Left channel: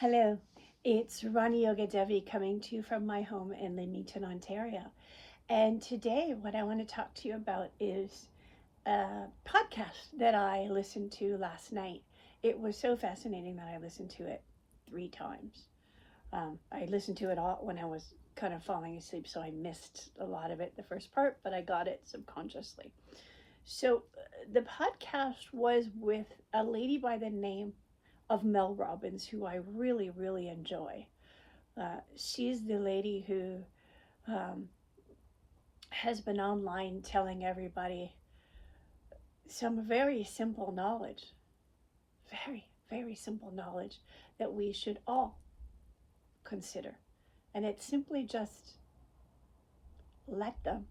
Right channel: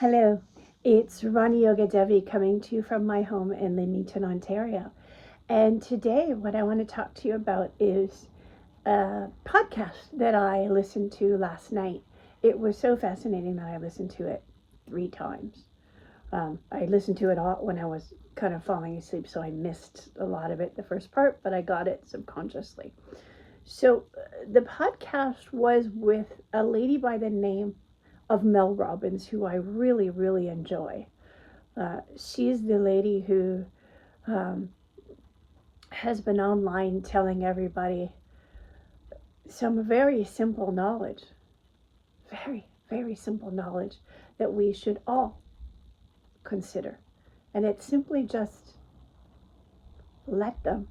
Hello, it's Rani Yoga Devi coming to you from my home in Leamington, Ontario. And today, what I want to talk to you about is a podcast that I listened to last night. It was so fascinating that I listened to it 3 times. I listened to it all when I was kind of falling asleep, so I missed a lot of it the first part, but I got it subconsciously. So, the podcast was with a lady by the name of Mel Robbins, who I really, really enjoy. She's the lady who um, has been online telling everybody some very simple knowledge, very, very simple knowledge that we should all consider. And it's simply just let them.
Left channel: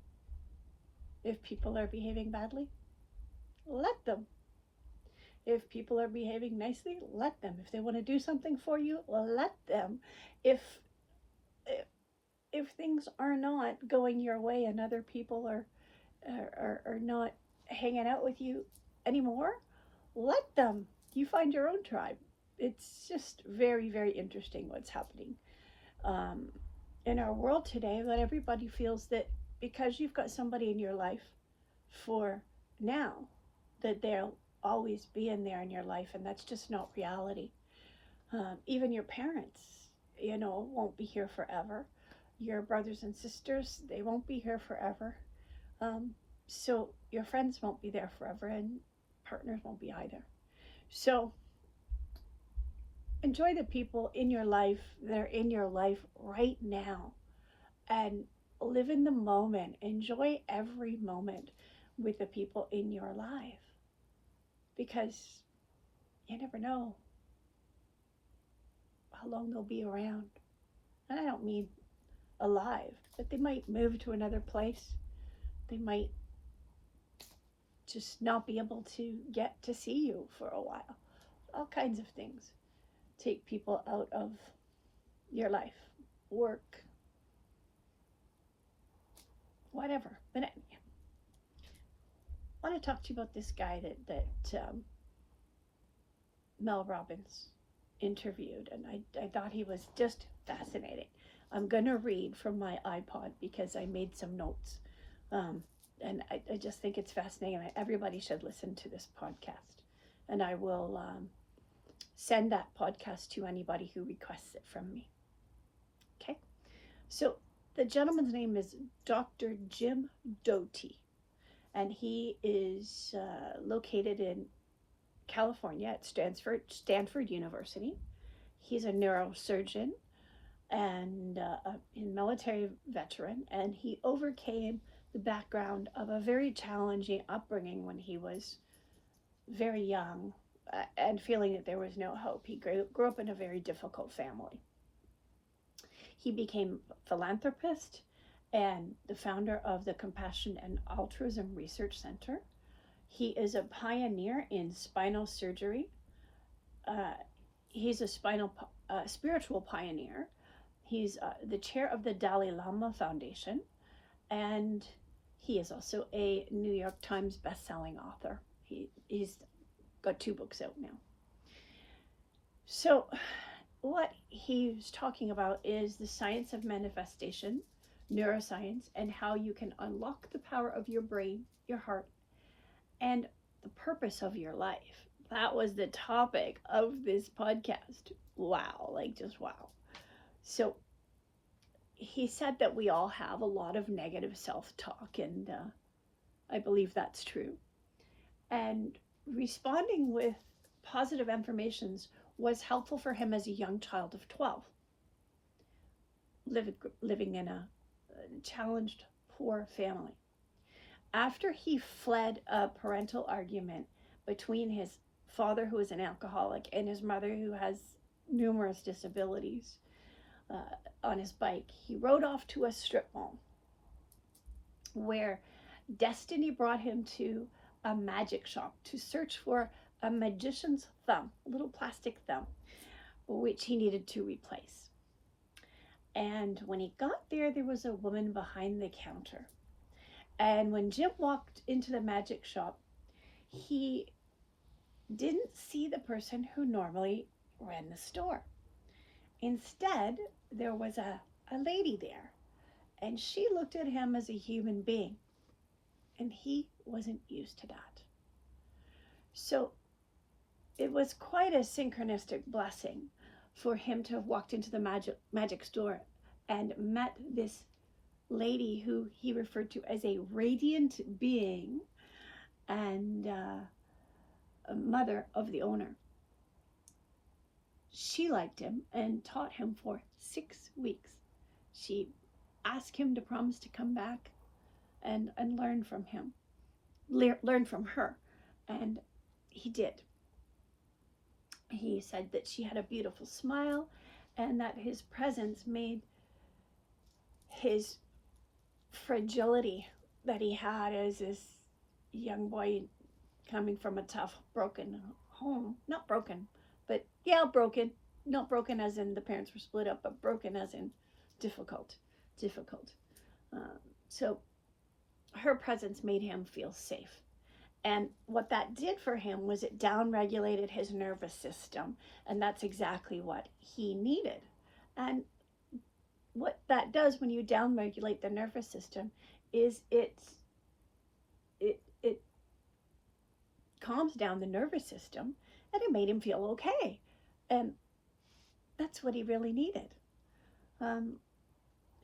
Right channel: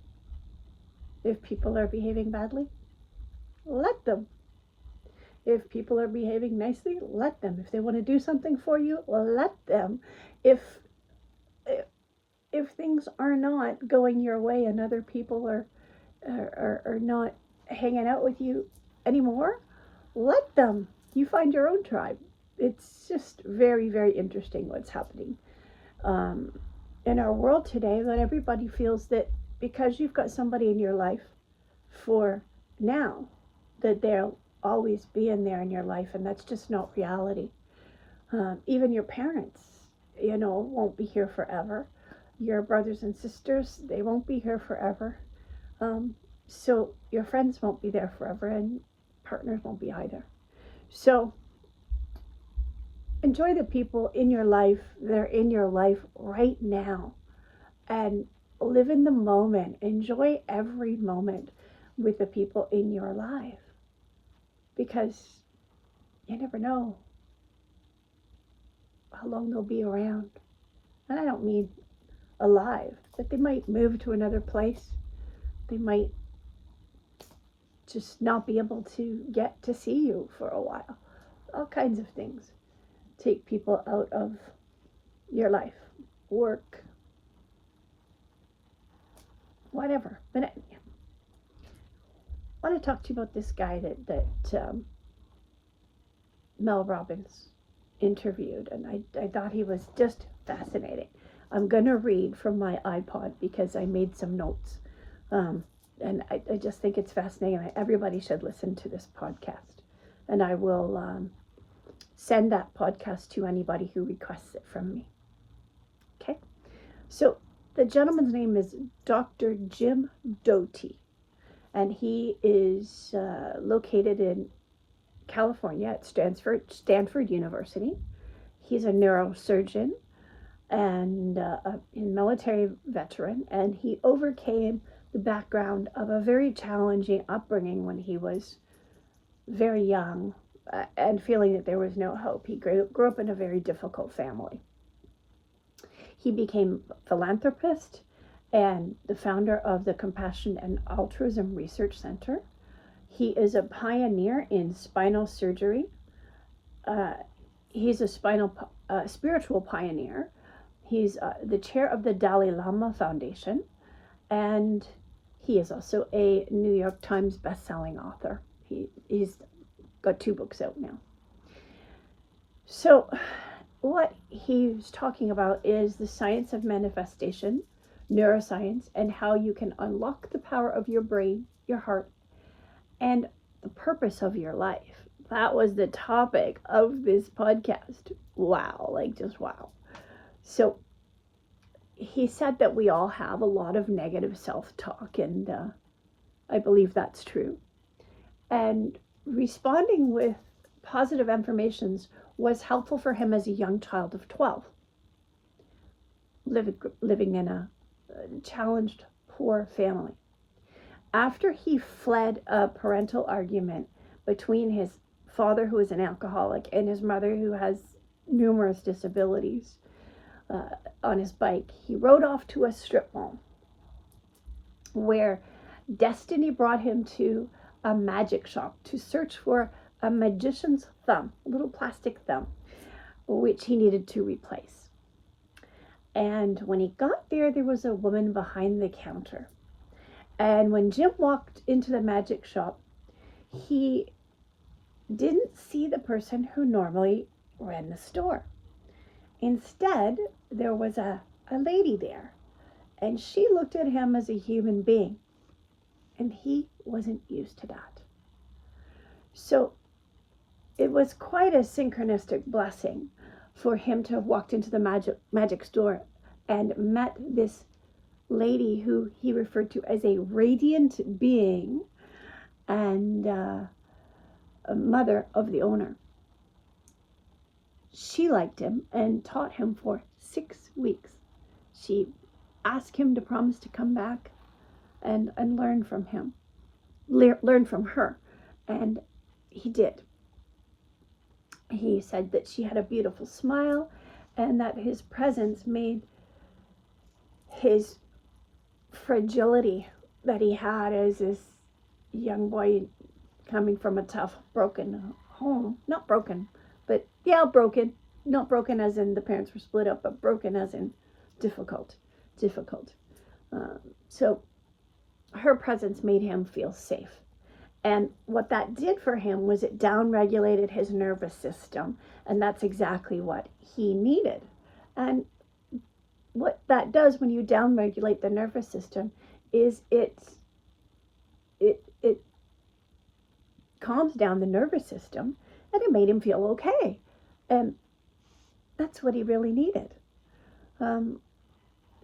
If people are behaving badly, let them. If people are behaving nicely, let them. If they want to do something for you, let them. If if things are not going your way and other people are not hanging out with you anymore, let them. You find your own tribe. It's just very, very interesting what's happening um, in our world today, that everybody feels that because you've got somebody in your life for now, that they'll always be in there in your life, and that's just not reality. Even your parents, won't be here forever. Your brothers and sisters, they won't be here forever. Um, so your friends won't be there forever, and partners won't be either. So enjoy the people in your life that are in your life right now, and live in the moment. Enjoy every moment with the people in your life, because you never know how long they'll be around. And I don't mean alive, but they might move to another place. They might just not be able to get to see you for a while. All kinds of things take people out of your life, work, whatever. But I want to talk to you about this guy that Mel Robbins interviewed, and I thought he was just fascinating. I'm going to read from my iPod because I made some notes. And I just think it's fascinating. Everybody should listen to this podcast. And I will send that podcast to anybody who requests it from me. Okay? So the gentleman's name is Dr. Jim Doty, and he is located in California at Stanford University. He's a neurosurgeon and a military veteran, and he overcame the background of a very challenging upbringing when he was very young, and feeling that there was no hope. He grew up in a very difficult family. He became a philanthropist and the founder of the Compassion and Altruism Research Center. He is a pioneer in spinal surgery. He's a spiritual pioneer. He's the chair of the Dalai Lama Foundation, and he is also a New York Times best-selling author. He's got 2 books out now. So what he's talking about is the science of manifestation, neuroscience, and how you can unlock the power of your brain, your heart, and the purpose of your life. That was the topic of this podcast. Wow, just wow. So he said that we all have a lot of negative self-talk, and I believe that's true. And responding with positive affirmations was helpful for him as a young child of 12, living in a challenged, poor family. After he fled a parental argument between his father, who is an alcoholic, and his mother, who has numerous disabilities, on his bike, he rode off to a strip mall where destiny brought him to a magic shop to search for a magician's thumb, a little plastic thumb, which he needed to replace. And when he got there, there was a woman behind the counter. And when Jim walked into the magic shop, he didn't see the person who normally ran the store. Instead, there was a lady there, and she looked at him as a human being, and he wasn't used to that. So it was quite a synchronistic blessing for him to have walked into the magic store and met this lady who he referred to as a radiant being and a mother of the owner. She liked him and taught him for 6 weeks. She asked him to promise to come back and learn from him, learn from her, and he did. He said that she had a beautiful smile and that his presence made his fragility that he had as this young boy coming from a tough, broken home. Not broken, but yeah, broken. Not broken as in the parents were split up, but broken as in difficult. So her presence made him feel safe. And what that did for him was it downregulated his nervous system. And that's exactly what he needed. And what that does when you downregulate the nervous system is it calms down the nervous system, and it made him feel okay. And that's what he really needed.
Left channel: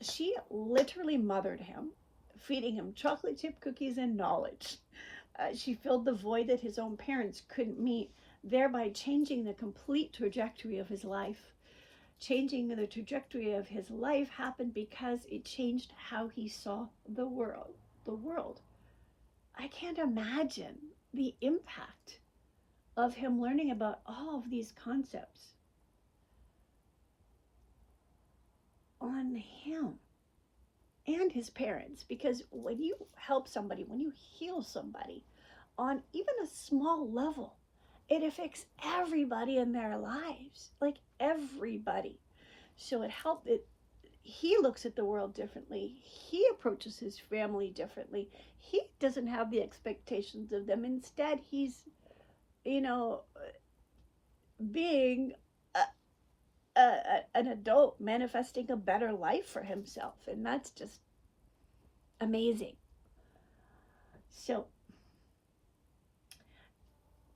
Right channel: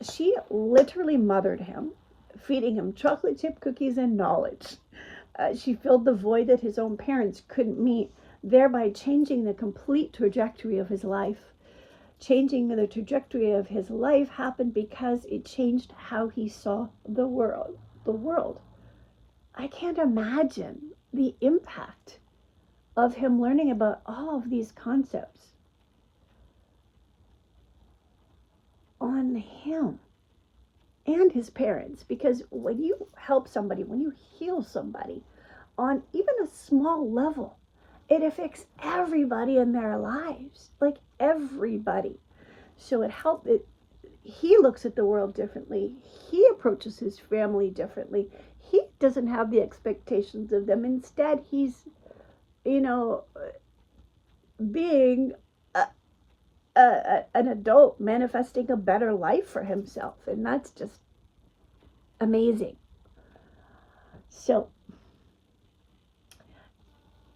She literally mothered him, feeding him chocolate chip cookies and knowledge. She filled the void that his own parents couldn't meet, thereby changing the complete trajectory of his life. Changing the trajectory of his life happened because it changed how he saw the world. I can't imagine the impact of him learning about all of these concepts on him and his parents. Because when you help somebody, when you heal somebody on even a small level, it affects everybody in their lives, like everybody. So he looks at the world differently. He approaches his family differently. He doesn't have the expectations of them. Instead, he's, being an adult, manifesting a better life for himself. And that's just amazing. So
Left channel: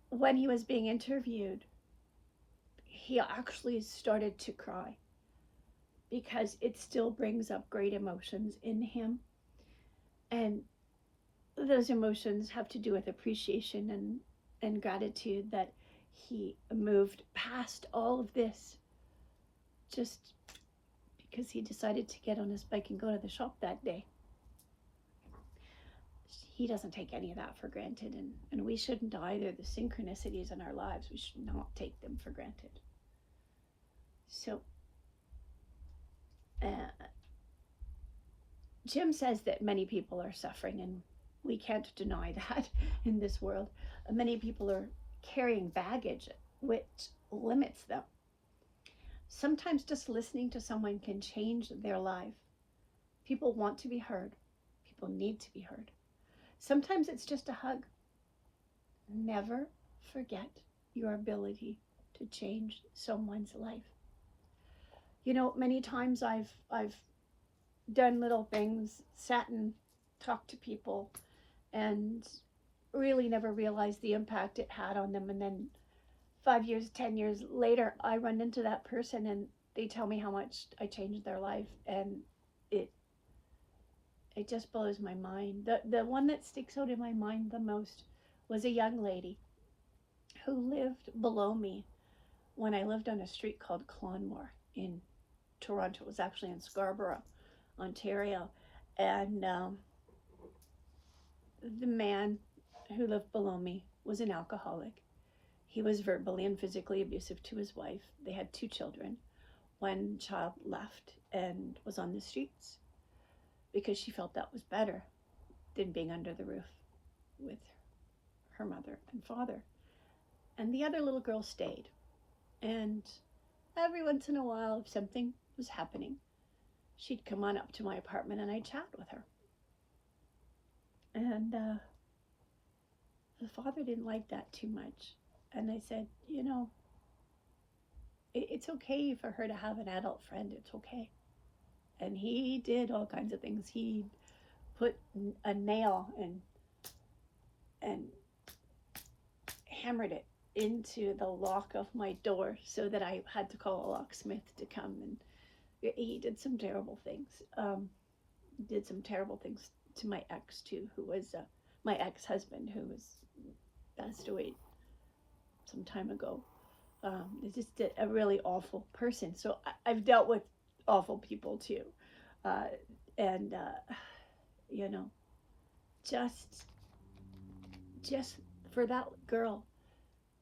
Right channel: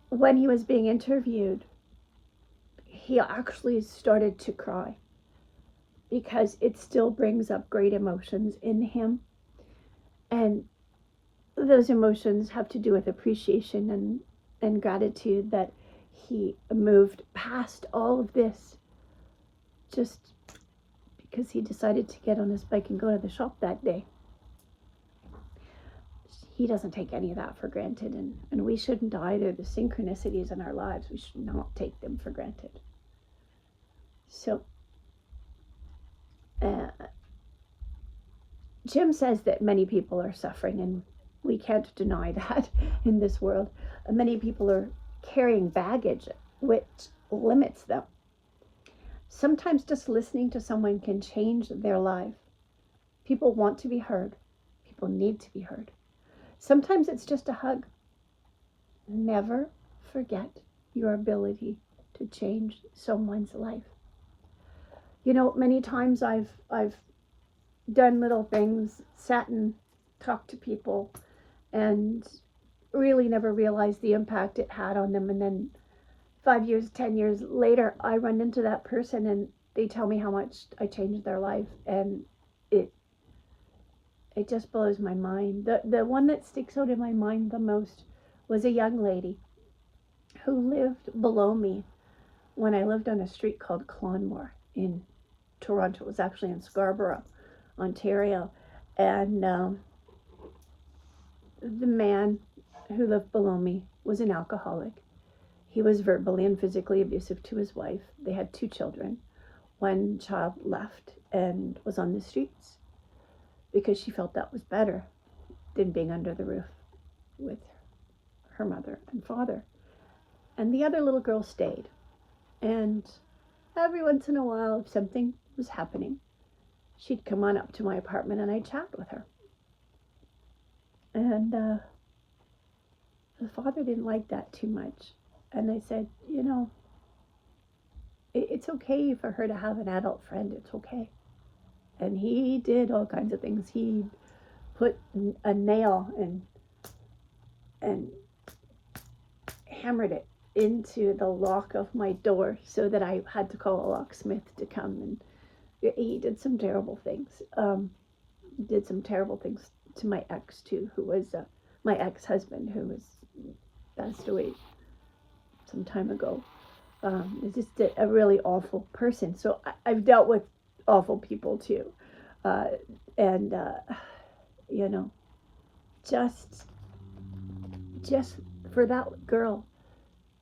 when he was being interviewed, he actually started to cry because it still brings up great emotions in him. And those emotions have to do with appreciation and gratitude that he moved past all of this just because he decided to get on his bike and go to the shop that day. He doesn't take any of that for granted, and we shouldn't either. The synchronicities in our lives, we should not take them for granted. So Jim says that many people are suffering, and we can't deny that in this world. Many people are carrying baggage which limits them. Sometimes just listening to someone can change their life. People want to be heard. People need to be heard. Sometimes it's just a hug. Never forget your ability to change someone's life. Many times I've done little things, sat and talked to people, and really never realized the impact it had on them. And then 5 years, 10 years later, I run into that person and they tell me how much I changed their life. And it just blows my mind. The one that sticks out in my mind the most was a young lady who lived below me when I lived on a street called Clonmore in Toronto. It was actually in Scarborough, Ontario. And the man who lived below me was an alcoholic. He was verbally and physically abusive to his wife. They had 2 children. One child left and was on the streets because she felt that was better than being under the roof with her mother and father. And the other little girl stayed. And every once in a while, if something was happening, she'd come on up to my apartment and I'd chat with her. And the father didn't like that too much. And I said, It's okay for her to have an adult friend. It's okay. And he did all kinds of things. He put a nail and hammered it into the lock of my door so that I had to call a locksmith to come. And he did some terrible things. Did some terrible things to my ex too, who was my ex-husband, who was passed away some time ago. It's just a really awful person. So I've dealt with awful people too, uh, and you know, just for that girl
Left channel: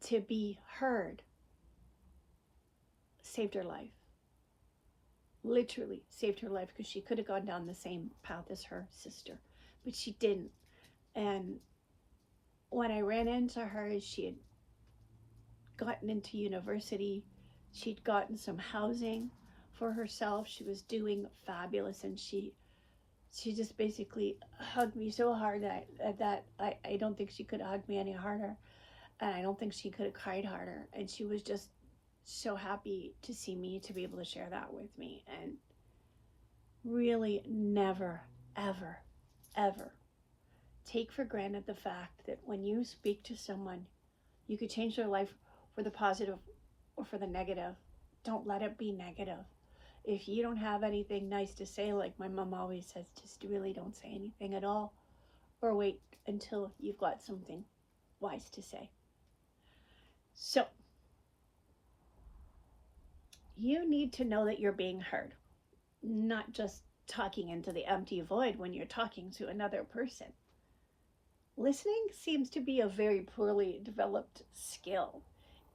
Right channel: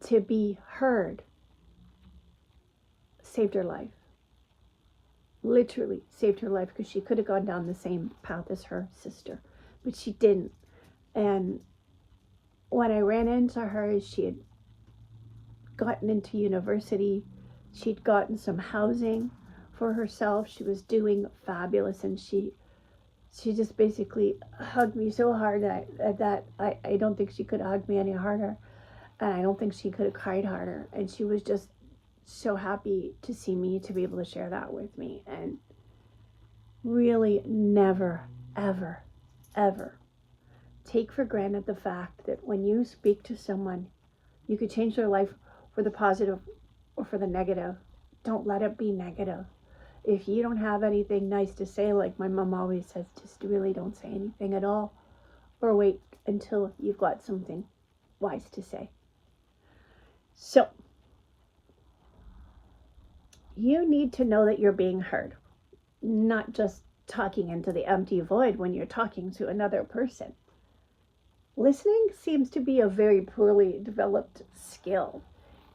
to be heard saved her life. Literally saved her life, because she could have gone down the same path as her sister, but she didn't. And when I ran into her, she had gotten into university, she'd gotten some housing for herself, she was doing fabulous, and she just basically hugged me so hard that I don't think she could have hugged me any harder, and I don't think she could have cried harder, and she was just so happy to see me, to be able to share that with me. And really never, ever, ever take for granted the fact that when you speak to someone, you could change their life for the positive or for the negative. Don't let it be negative. If you don't have anything nice to say, like my mom always says, just really don't say anything at all, or wait until you've got something wise to say. So you need to know that you're being heard, not just talking into the empty void when you're talking to another person. Listening seems to be a very poorly developed skill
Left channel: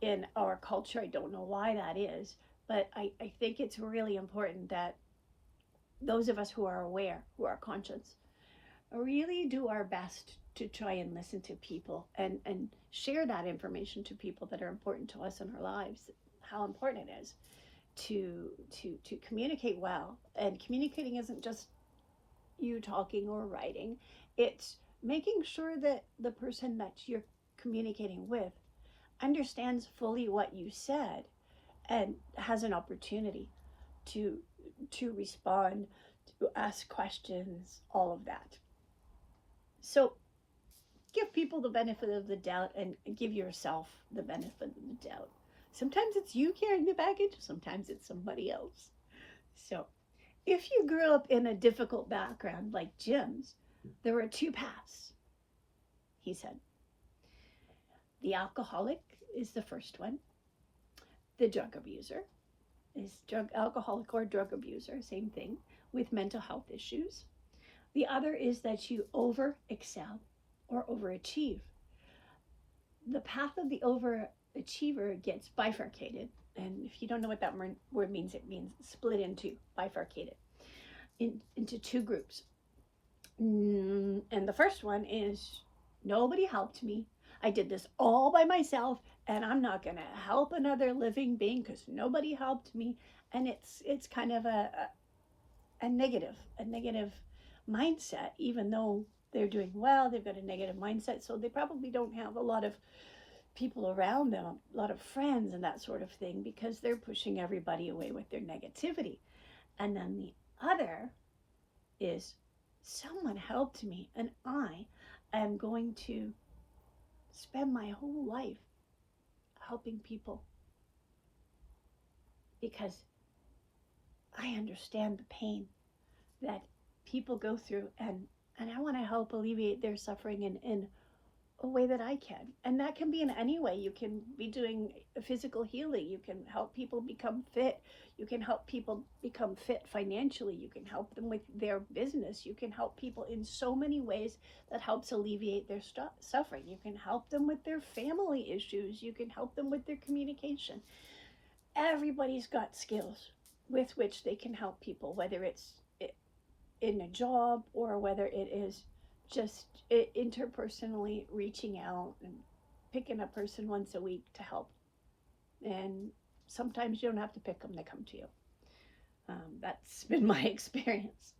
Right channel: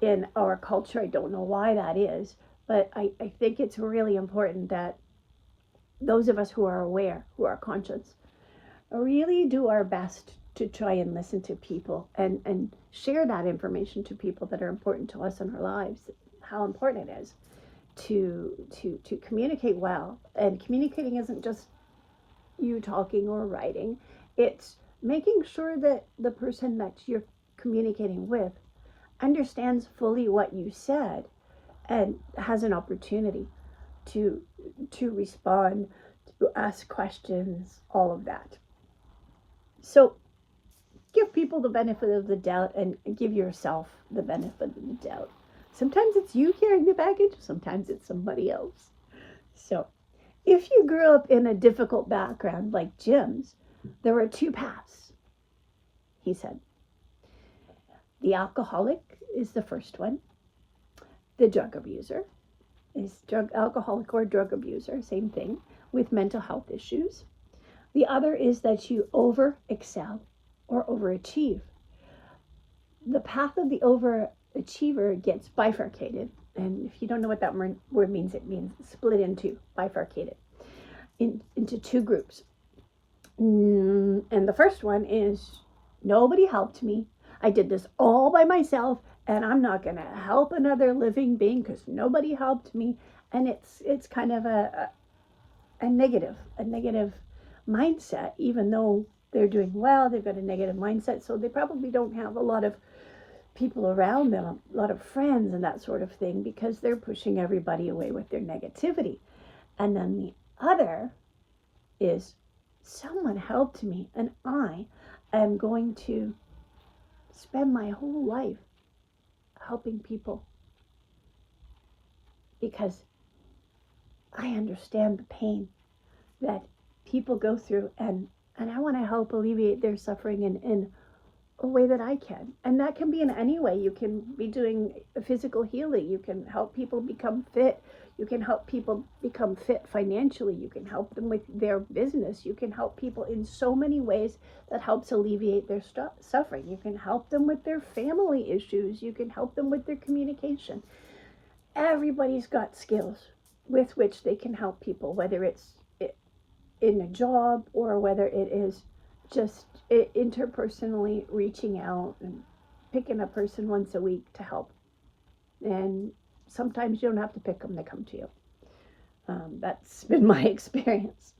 in our culture. I don't know why that is, but I think it's really important that those of us who are aware, who are conscious, really do our best to try and listen to people and share that information to people that are important to us in our lives, how important it is to communicate well. And communicating isn't just you talking or writing, it's making sure that the person that you're communicating with understands fully what you said and has an opportunity to respond, to ask questions, all of that. So give people the benefit of the doubt, and give yourself the benefit of the doubt. Sometimes it's you carrying the baggage, sometimes it's somebody else. So if you grew up in a difficult background like Jim's, there were two paths, he said. The alcoholic is the first one. The drug abuser is alcoholic or drug abuser, same thing, with mental health issues. The other is that you over excel or overachieve. The path of the overachiever gets bifurcated. And if you don't know what that word means, it means split into, bifurcated, into two groups. And the first one is, nobody helped me. I did this all by myself, and I'm not going to help another living being because nobody helped me. And it's kind of a negative mindset, even though they're doing well, they've got a negative mindset, so they probably don't have a lot of people around them, a lot of friends and that sort of thing, because they're pushing everybody away with their negativity. And then the other is, someone helped me, and I am going to spend my whole life helping people because I understand the pain that people go through, and I want to help alleviate their suffering in a way that I can. And that can be in any way. You can be doing physical healing. You can help people become fit. You can help people become fit financially. You can help them with their business. You can help people in so many ways that helps alleviate their suffering. You can help them with their family issues. You can help them with their communication. Everybody's got skills with which they can help people, whether it's in a job or whether it is just interpersonally reaching out and picking a person once a week to help. And sometimes you don't have to pick them, they come to you. That's been my experience.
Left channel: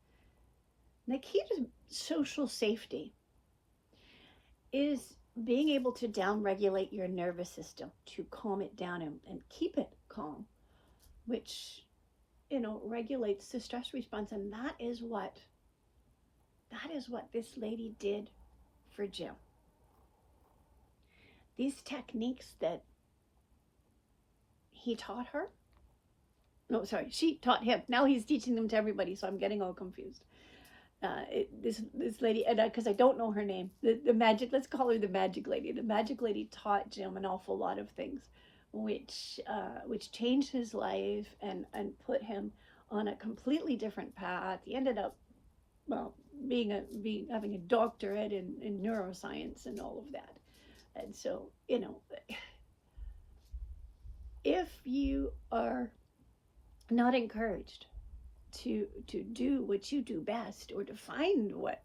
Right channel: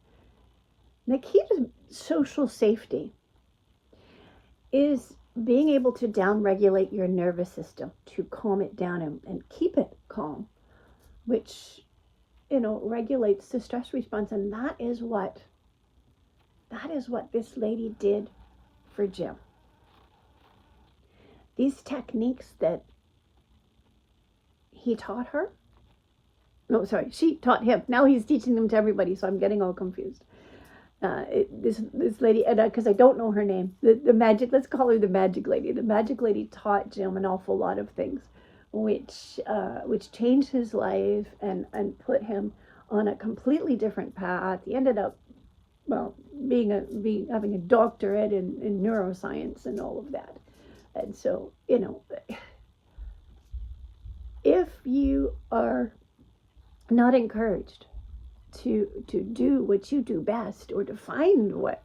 The key to social safety is being able to down-regulate your nervous system, to calm it down and keep it calm regulates the stress response. And that is what this lady did for Jim. These techniques that he taught her, no, sorry, she taught him. Now he's teaching them to everybody, so I'm getting all confused. This lady, and because I don't know her name, the magic, let's call her the magic lady. The magic lady taught Jim an awful lot of things, which changed his life and put him on a completely different path. He ended up, well, having a doctorate in neuroscience and all of that. And so, if you are not encouraged to do what you do best, or to find what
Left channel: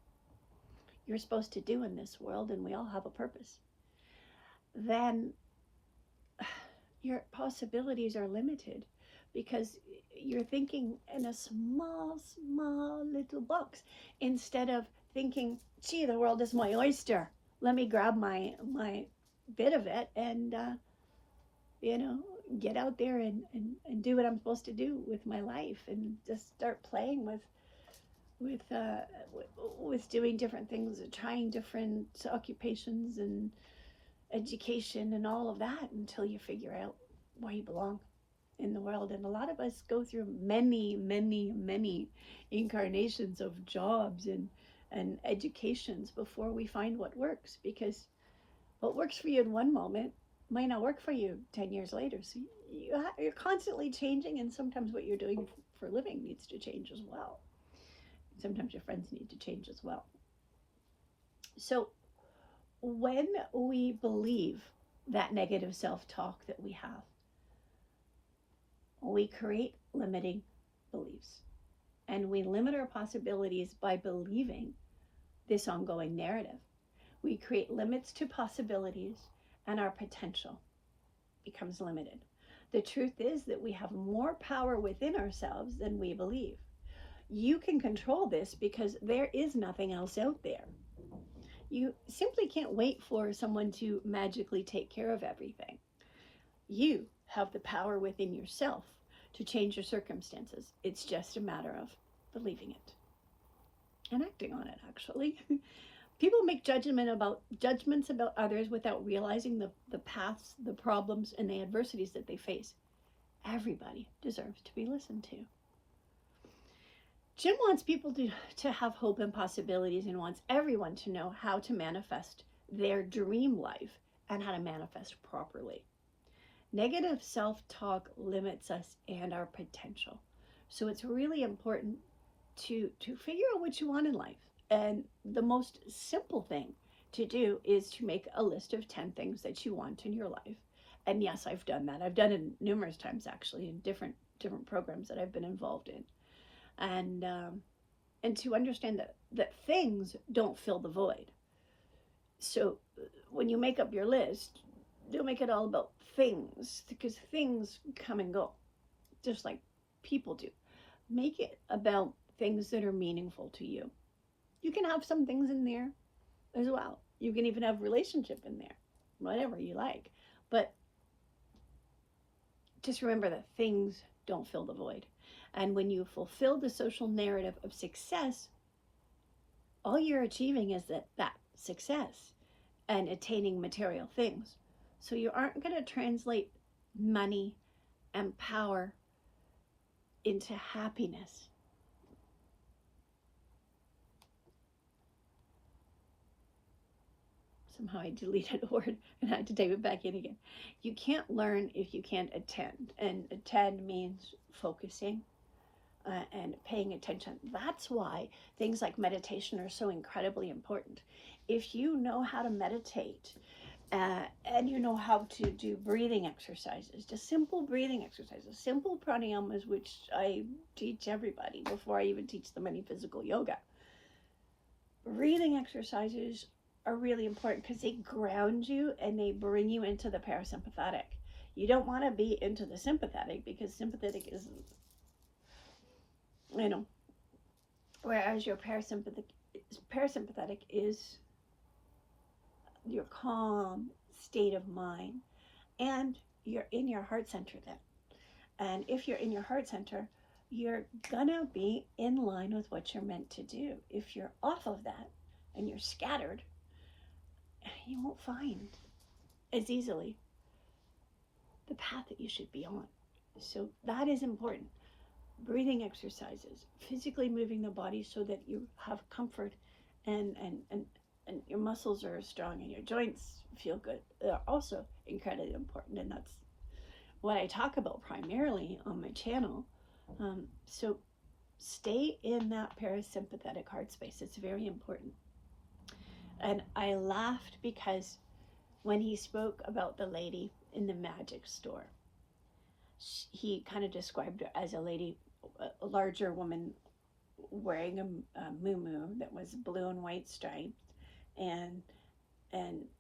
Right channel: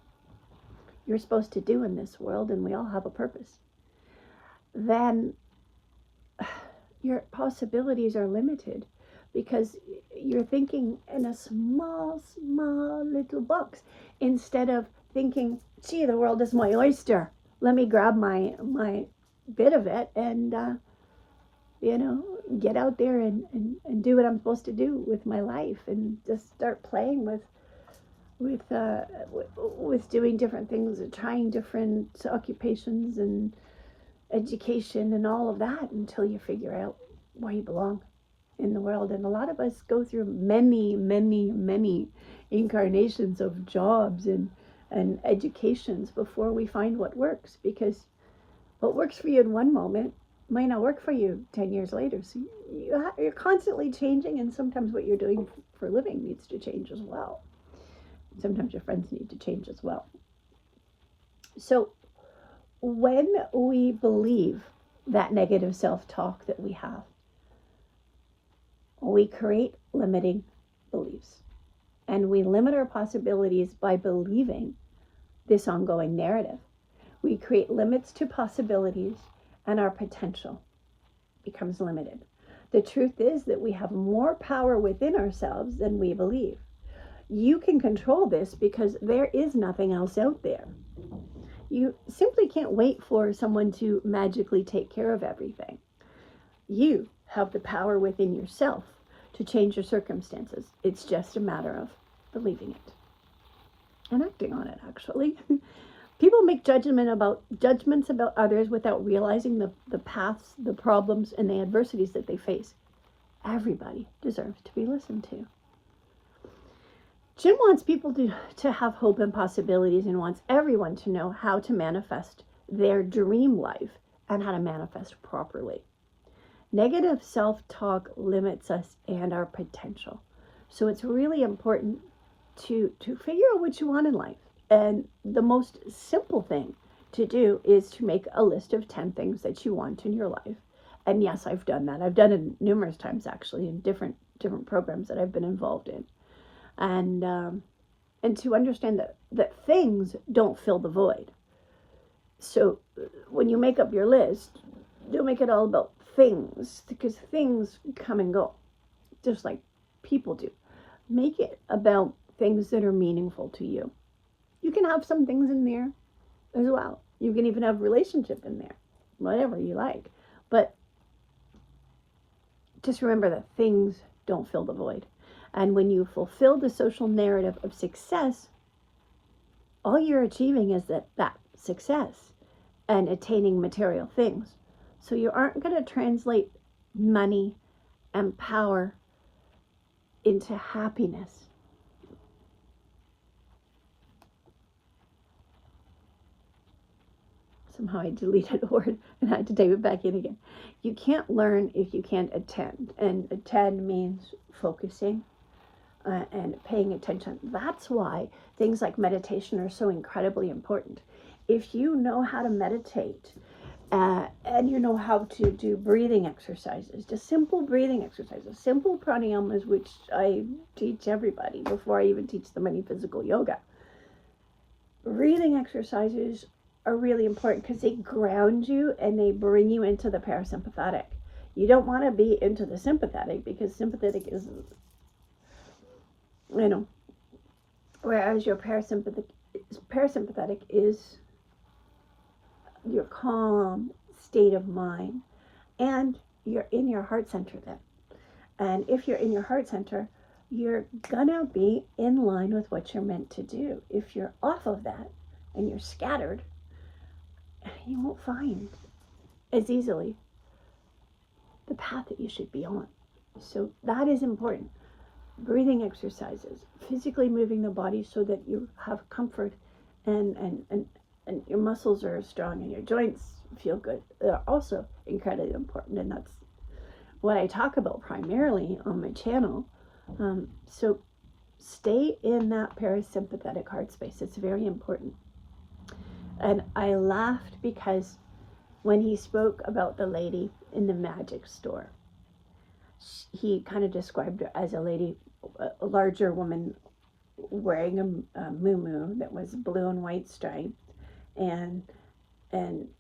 you're supposed to do in this world, and we all have a purpose, then your possibilities are limited, because you're thinking in a small little box, instead of thinking, gee, the world is my oyster. Let me grab my bit of it and get out there and do what I'm supposed to do with my life, and just start playing with doing different things, trying different occupations and education and all of that, until you figure out where you belong in the world. And a lot of us go through many incarnations of jobs and educations before we find what works, because what works for you in one moment might not work for you 10 years later. So you're constantly changing, and sometimes what you're doing for a living needs to change as well. Sometimes your friends need to change as well. So when we believe that negative self-talk that we have, we create limiting beliefs, and we limit our possibilities by believing this ongoing narrative. We create limits to possibilities, and our potential becomes limited. The truth is that we have more power within ourselves than we believe. You can control this, because there is nothing else out there. You simply can't wait for someone to magically take care of everything. You have the power within yourself to change your circumstances. It's just a matter of believing it and acting on it, actually. People make judgments about others without realizing the paths, the problems, and the adversities that they face. Everybody deserves to be listened to. Jim wants people to have hope and possibilities, and wants everyone to know how to manifest their dream life and how to manifest properly. Negative self-talk limits us and our potential. So it's really important to figure out what you want in life. And the most simple thing to do is to make a list of 10 things that you want in your life. And yes, I've done that. I've done it numerous times, actually, in different programs that I've been involved in. And to understand that things don't fill the void. So when you make up your list, don't make it all about things, because things come and go, just like people do. Make it about things that are meaningful to you. You can have some things in there as well. You can even have relationship in there, whatever you like. But just remember that things don't fill the void. And when you fulfill the social narrative of success, all you're achieving is that success and attaining material things. So you aren't going to translate money and power into happiness. Somehow I deleted a word and I had to type it back in again. You can't learn if you can't attend. And attend means focusing and paying attention. That's why things like meditation are so incredibly important. If you know how to meditate, and you know how to do breathing exercises, just simple breathing exercises, simple pranayamas, which I teach everybody before I even teach them any physical yoga. Breathing exercises are really important because they ground you and they bring you into the parasympathetic. You don't want to be into the sympathetic, because sympathetic is, whereas your parasympathetic is your calm state of mind, and you're in your heart center then. And if you're in your heart center, you're gonna be in line with what you're meant to do. If you're off of that and you're scattered, you won't find as easily the path that you should be on. So that is important. Breathing exercises, physically moving the body so that you have comfort and your muscles are strong and your joints feel good, are also incredibly important. And that's what I talk about primarily on my channel. So stay in that parasympathetic heart space. It's very important. And I laughed because when he spoke about the lady in the magic store, he kind of described her as a lady, a larger woman wearing a muumuu that was blue and white striped, and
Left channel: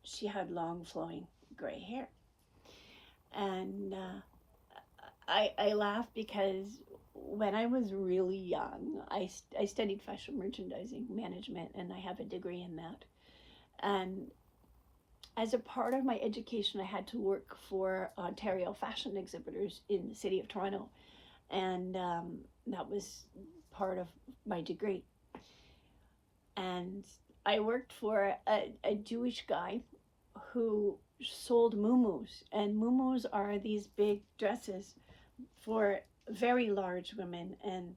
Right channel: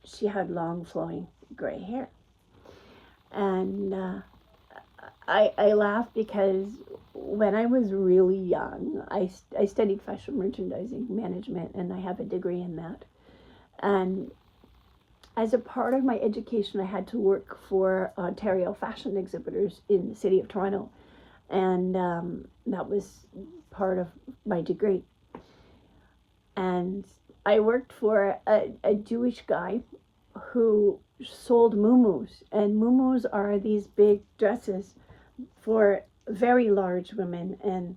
she had long flowing gray hair. And I laugh because when I was really young, I studied fashion merchandising management, and I have a degree in that. And as a part of my education, I had to work for Ontario fashion exhibitors in the city of Toronto, and that was part of my degree. And I worked for a Jewish guy who sold muumuus, and muumuus are these big dresses for very large women, and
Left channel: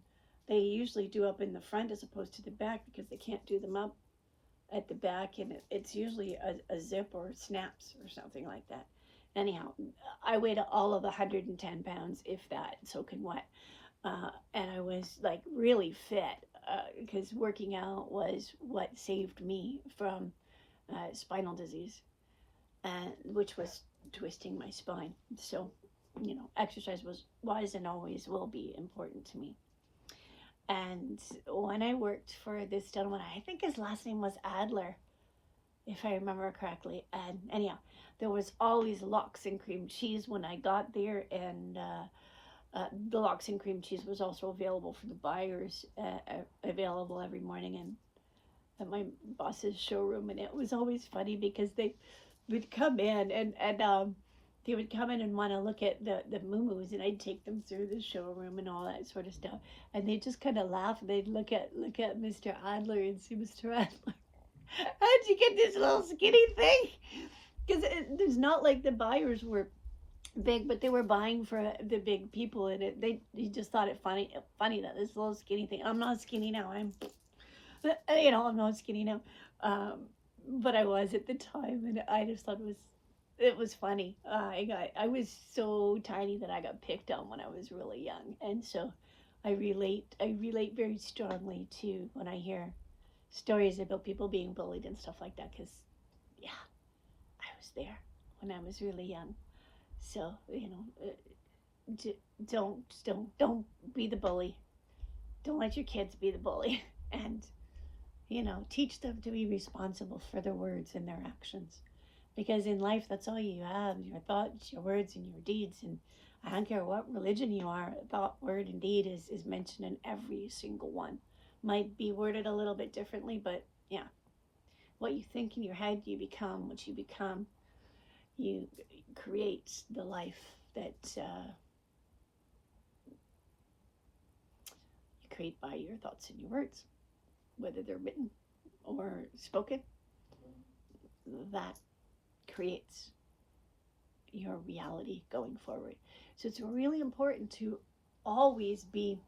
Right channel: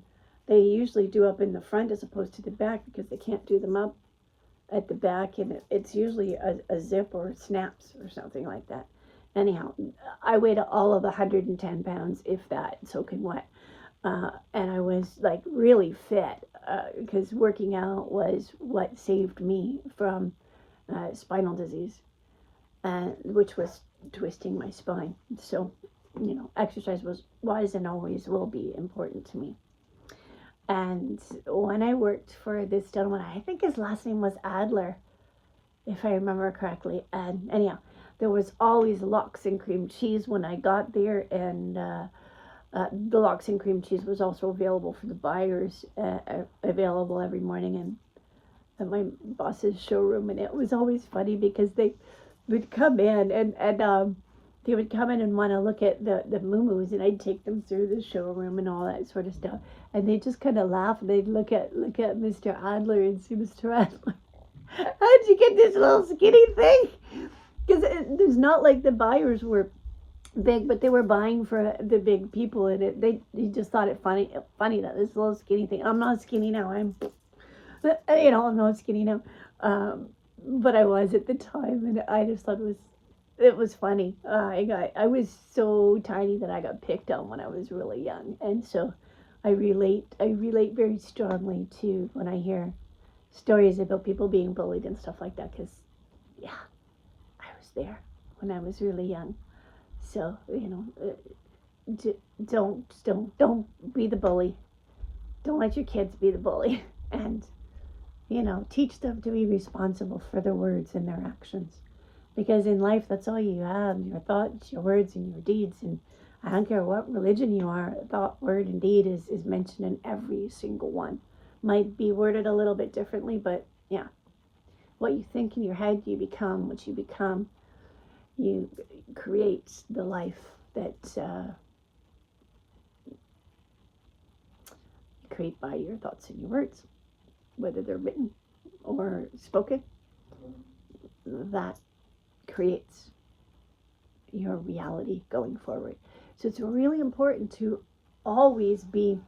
they usually do up in the front as opposed to the back because they can't do them up at the back, and it's usually a zip or snaps or something like that. Anyhow, I weighed all of 110 pounds, if that, soaking wet. And I was like really fit because working out was what saved me from spinal disease, which was twisting my spine. So, exercise was and always will be important to me. And when I worked for this gentleman, I think his last name was Adler, if I remember correctly. And anyhow, there was always lox and cream cheese when I got there, and the lox and cream cheese was also available for the buyers, available every morning and at my boss's showroom. And it was always funny because they would come in and they would come in and want to look at the muumuus, and I'd take them through the showroom and all that sort of stuff. And they just kind of laugh, and they'd look at Mr. Adler and see, Mr. Adler, how'd you get this little skinny thing? Because there's not like the buyers were big, but they were buying for the big people, and he just thought it funny that this little skinny thing. I'm not skinny now. I'm not skinny now, but I was at the time, and I just thought it was funny. I was so tiny that I got picked on when I was really young, and so I relate very strongly to when I hear stories about people being bullied and stuff like that, because yeah, I was there when I was really young. So don't be the bully. Don't let your kids be the bully, and teach them to be responsible for their words and their actions. Because in life, that's all you have, your thoughts, your words, and your deeds. And I don't care what religion you are, thought, word, and deed is mentioned in every single one. Might be worded a little bit differently, but yeah. What you think in your head, you become. What you become, you create the life that you create by your thoughts and your words, whether they're written or spoken. That creates your reality going forward. So it's really important to always be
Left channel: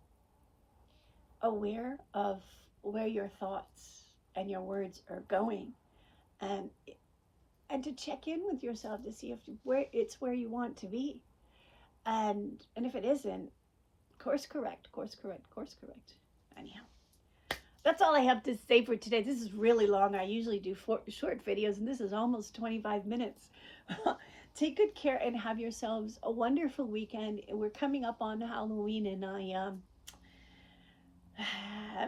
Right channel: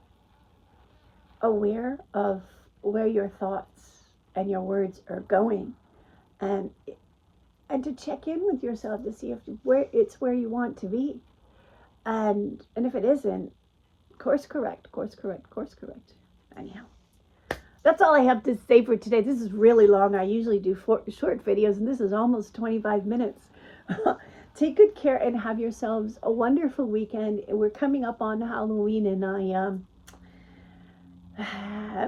aware of where your thoughts and your words are going, and to check in with yourself to see if where you want to be, and if it isn't, course correct. Anyhow, that's all I have to say for today. This is really long. I usually do short videos, and this is almost 25 minutes. Take good care and have yourselves a wonderful weekend. We're coming up on Halloween, and I'm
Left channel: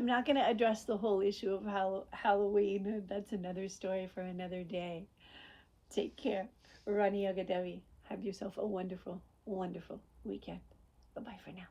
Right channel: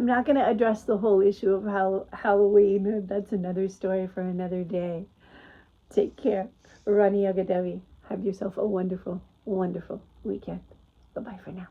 not going to address the whole issue of Halloween. That's another story for another day. Take care. Rani Agadevi. Have yourself a wonderful, wonderful weekend. Bye-bye for now.